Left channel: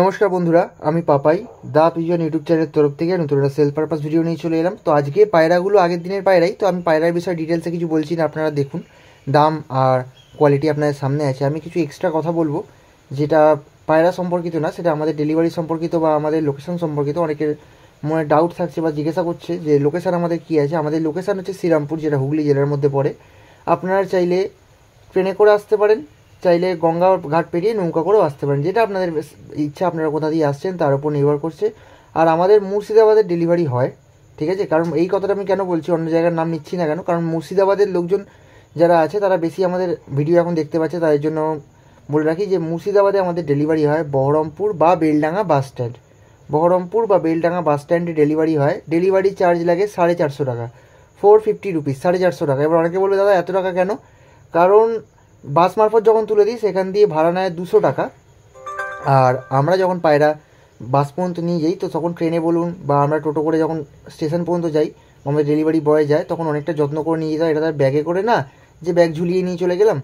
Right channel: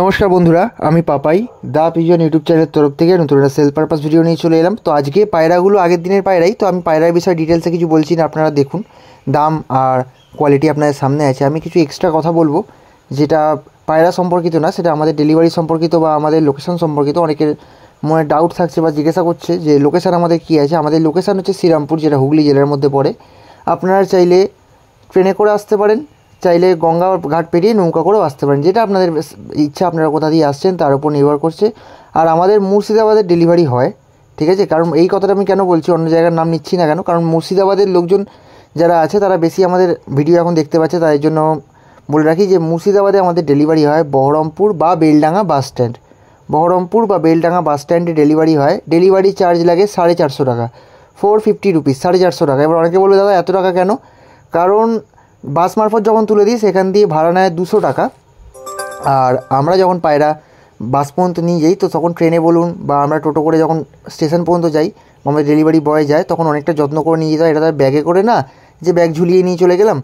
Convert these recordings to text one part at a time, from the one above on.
নমস্কার বন্ধুরা, আমি পাপাই দা পিজন ইউটিউব চ্যানেলের তরফ থেকে নতুন একটা সেল পারপাস ভিডিও নিয়ে চলে এলাম। তো আজকে পায়রাগুলো আগের দিনের পায়রাই, তো আমি পায়রার বিষয়ে ডিটেলসে কিছু বলছি না, আপনারা দেখুন। দাম আর কোয়ালিটি আপনাদের সামনে আছে। আমি কিছু এক্সট্রা কথা বলবো যেটা পায়রা সম্পর্কিত না, সেটা আমাদের ডেলিভারি সম্পর্কিত বা আমাদের লোকেশন সম্পর্কিত। অনেকের মনে ডাউট থাকছে বা জিজ্ঞাসা করছে যে লোকেশান আমাদের কী আছে। আমাদের লোকেশান হচ্ছে শ্রীরামপুর, যেটা হুগলি জেলার মধ্যে পড়ে। আপনারা চাইলে ট্রেনে করে আসতে পারেন, চাইলে গঙ্গা ঘাট পেরিয়ে নৌকা করেও আসতে পারেন, যেটা আপনাদের ইচ্ছা, আপনারা কোথা দিয়ে আসছেন তার উপর নির্ভর করছে। আর আমাদের মুর্শিদাবাদের ডেলিভারি হয়, ঠিক আছে। কারণ এই কথাটা আমি কেন বলছি, অন্য জায়গার নাম নিচ্ছি না কেন, কারণ মুর্শিদাবাদের লোকজন যারা আছে তারা বেশি আমাদের ভিডিও এখন দেখতে পাচ্ছে, তাই জন্য বলে রাখি যে মুর্শিদাবাদে আমাদের ডেলিভারি হয় বহরমপুর বা বেলডাঙ্গা বাস স্ট্যান্ড। বহরমপুর বা বেলডাঙ্গা বাস স্ট্যান্ডে ডেলিভারি হয়। ডেলিভারি চার্জ লাগে 450 টাকা, 450 রুপিস, 450 টাকা। এবার অনেকে বলবে দাদা এত টাকা কেন? কারণ বাস মারফত যখন তুলে দিই সেখান দিয়ে ভাড়া নেয় 200 টাকা। আর আমরা যখন পায়রা বাস পর্যন্ত নিয়ে যাই, তো তখন ট্রেনে বলুন বা আমরা টোটো করে যখন স্টেশন পর্যন্ত যাই, আমাদের ডেলিভারি বয় যায়, তখন অনেকটা যত্ন করে নিয়ে যেতে হয়। এটা তার ব্যাগে করে না যে ব্যাগ ঝুলিয়ে নিয়ে চলে গেলাম।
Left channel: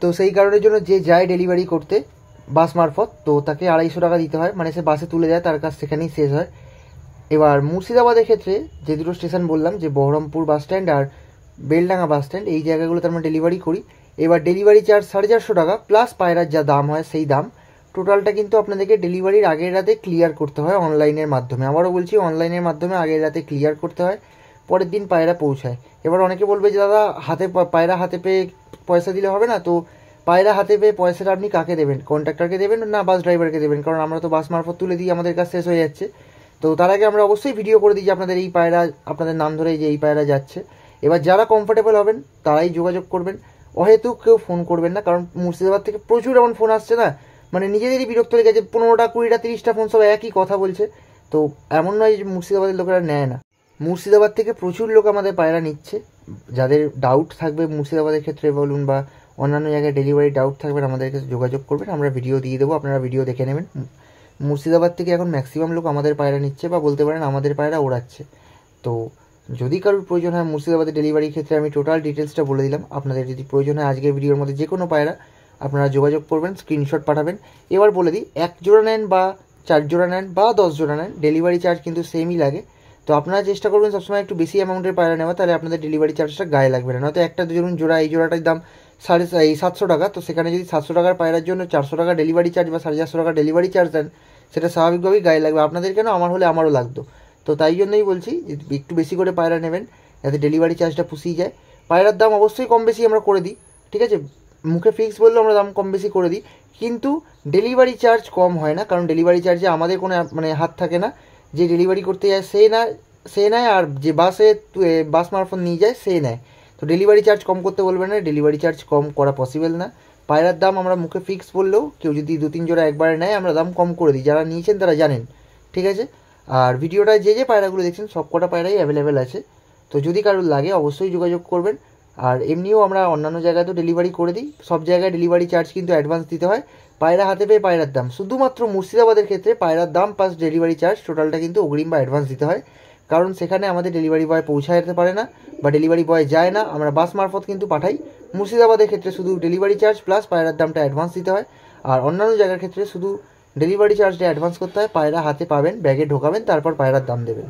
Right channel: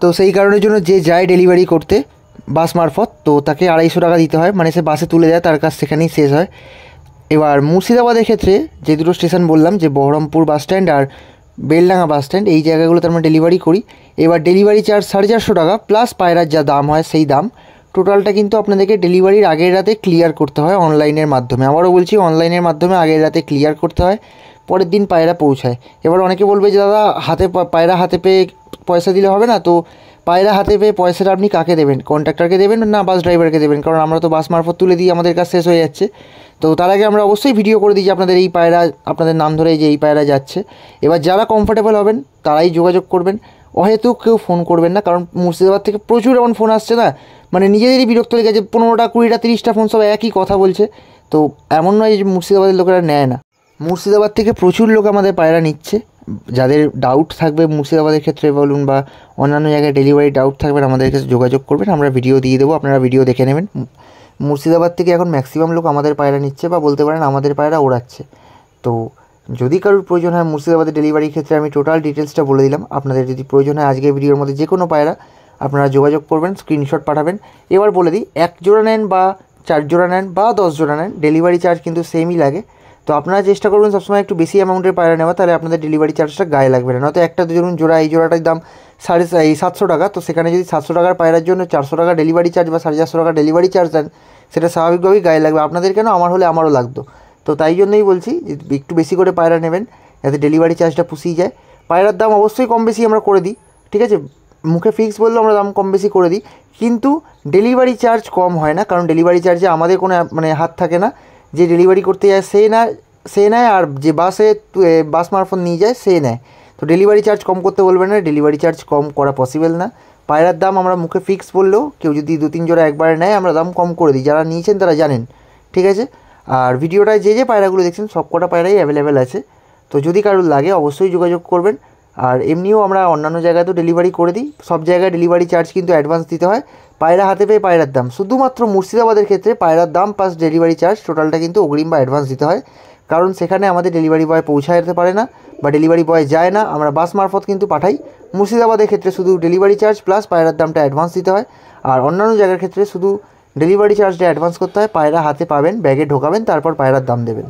তো সেই কারণের জন্য যে যায় ডেলিভারি করতে বাস মারফত, তো তাকে 250 টাকা দিতে হয়, মানে সে বাসে তুলে যায়, তার কাজ সেখানেই শেষ হয়। এবার মুর্শিদাবাদের ক্ষেত্রে যে দুটো স্টেশন বললাম, যে বহরমপুর বাস স্ট্যান্ড আর বেলডাঙ্গা বাস স্ট্যান্ড, এই জায়গাগুলোতে আমরা ডেলিভারি করি। এবার ডেলিভারি চার্জ 450 টাকা প্লাস পায়রার যা দাম হয় সেই দাম। টোটালটা কিন্তু আপনাদেরকে ডেলিভারির আগের রাতে ক্লিয়ার করতে হয় অনলাইনের মাধ্যমে। আবারও বলছি, অনলাইনের মাধ্যমে আগের রাতে ক্লিয়ার করতে হয়, পরের দিন পায়রা পৌঁছায়। এবার অনেকে বলবে যে দাদা হাতে পায়রা হাতে পেয়ে পয়সা দিলে হবে না। তো পায়রা হাতে পেয়ে পয়সাটা আপনি কাকে দেবেন? কন্ট্রাক্টরকে দেবেন না বাস ড্রাইভারকে দেবেন? কারণ আমরা তো বাস মারফত তুলে দিই, আমাদের কাজ শেষ হয়ে যাচ্ছে। তো তার আগে আমরা অবশ্যই ভিডিও করে দিই যে আপনাদের এই পায়রা, আপনাদের নাম ধরে যে এই পায়রা যাচ্ছে। এবার যারা কমফোর্টেবল হবেন তারাই যোগাযোগ করবেন, অহেতুক কেউ ফোন করবেন না। কারণ মুর্শিদাবাদ থেকে প্রচুর এমন ফোন আসছে না, মানে নিজেদেরই বিরক্ত লেগে গেছে, 15টা 20টা 30টা ফোন সব একই কথা বলছে। তো এমন নয় যে মুর্শিদাবাদের লোকেরা নেয় না, মুর্শিদাবাদ থেকে প্রচুর লোক আমাদের পায়রা নিচ্ছে। যাদের ডাউট থাকবে মুর্শিদাবাদের ক্ষেত্রে বলুন বা অন্যান্য জায়গায় ডেলিভারি ডাউট থাকবেন, আমাদের কাছে যোগাযোগ করবেন, আমরা ভিডিও দিয়ে দেবো, আপনারা ভিডিও দেখে নেবেন। মুর্শিদাবাদ থেকে এখন ম্যাক্সিমাম লোক আমাদের পায়রা নিচ্ছে বা বলতে পারেন আমাদের পায়রা ওড়াচ্ছে। তো যদি কারোর প্রয়োজন হয় মুর্শিদাবাদের ডেলিভারির ক্ষেত্রে, আমি টোটাল ডিটেলসটা বলে দিলাম। আপনাদের যদি প্রয়োজন হয় আজকের ভিডিওর মধ্যে যে কোনো পায়রা, আপনারা যোগাযোগ করবেন, স্ক্রিনশট পাঠাবেন। এবার বলে দিই, 1 জোড়া নেন বা 4 জোড়া নেন বা 10 জোড়া নেন, ডেলিভারি চার্জ কিন্তু সেমই লাগে। তো আপনারা চেষ্টা করবেন সবসময় একটু বেশি অ্যামাউন্টের পায়রা নেওয়া, তাহলে আপনাদের ডেলিভারি চার্জটা গায়ে লাগবে না। নয়তো একটা ধরুন জোড়া, এই জোড়াটার দাম 750 টাকা, তো সেখানে যদি 700 টাকার পায়রার জন্য 400 টাকা ডেলিভারি চার্জ বা 450 টাকা ডেলিভারি চার্জ দেন, সেটা স্বাভাবিকভাবেই গায়ে লাগবে। আপনাদের কেন, আমার হলে আমারও লাগতো। তো তাই জন্যই বলছি যে একটু বেশি করে পায়রা নেবেন, যাতে ডেলিভারি চার্জটা পুষিয়ে যায়। পায়রার দাম অবশ্যই কম বেশি আমরা করে দিই, ঠিক আছে। মুখে ফিক্স বললেও আমরা দাম কম বেশি করে দিই, কিন্তু ডেলিভারি চার্জ কম হয় না। কারণ ডেলিভারি চার্জে আমাদের কোনো মানে হাত থাকে না। যে ডেলিভারি করতে যায় সে নেয়, আর যে বাস মারফত নিয়ে যায় সে নেয়। তো ডেলিভারি চার্জ কম করতে বলবেন না, ডেলিভারি চার্জ কম করা পসিবল না। পায়রার দাম আমরা মুখে ফিক্স বললেও, কেউ যদি 2-3 জোড়া একবারে নেয়, আমরা দাম কম করে দিই। যারা নিয়েছেন তারা জানেন, ঠিক আছে। আর ভিডিওটায় যে পায়রাগুলো দেখছেন সব কটা পায়রাই অ্যাভেলেবেল আছে। তো যদি কারোর লাগে অবশ্যই যোগাযোগ করবেন। আর এমনিও আমরা অন্যান্য জায়গায় তো ডেলিভারি করে দিই, সব জায়গায় ডেলিভারি চার্জ কিন্তু অ্যাডভান্স দিতে হয়। পায়রা হাতে পেয়ে পায়রার দাম, শুধুমাত্র মুর্শিদাবাদের ক্ষেত্রে পায়রার দাম প্লাস ডেলিভারি চার্জ টোটালটা কিন্তু অগ্রিম বা অ্যাডভান্স দিতে হয়। কারণ সেখানে আমাদের ডেলিভারি বয় পৌঁছায় যেতে পারে না বা ডেলিভারি বয় যায় না, আমরা বাস মারফত কিন্তু পাঠাই। মুর্শিদাবাদের ক্ষেত্রে শুধু ডেলিভারি চার্জ প্লাস পায়রার দামটা অ্যাডভান্স দিতে হয়। আর অন্যান্য জায়গার ক্ষেত্রে শুধু ডেলিভারি চার্জটা অ্যাডভান্স করতে হয়, পায়রা হাতে পাবেন, ব্যাগে ঢোকাবেন, তারপর পায়রার দাম দেবেন।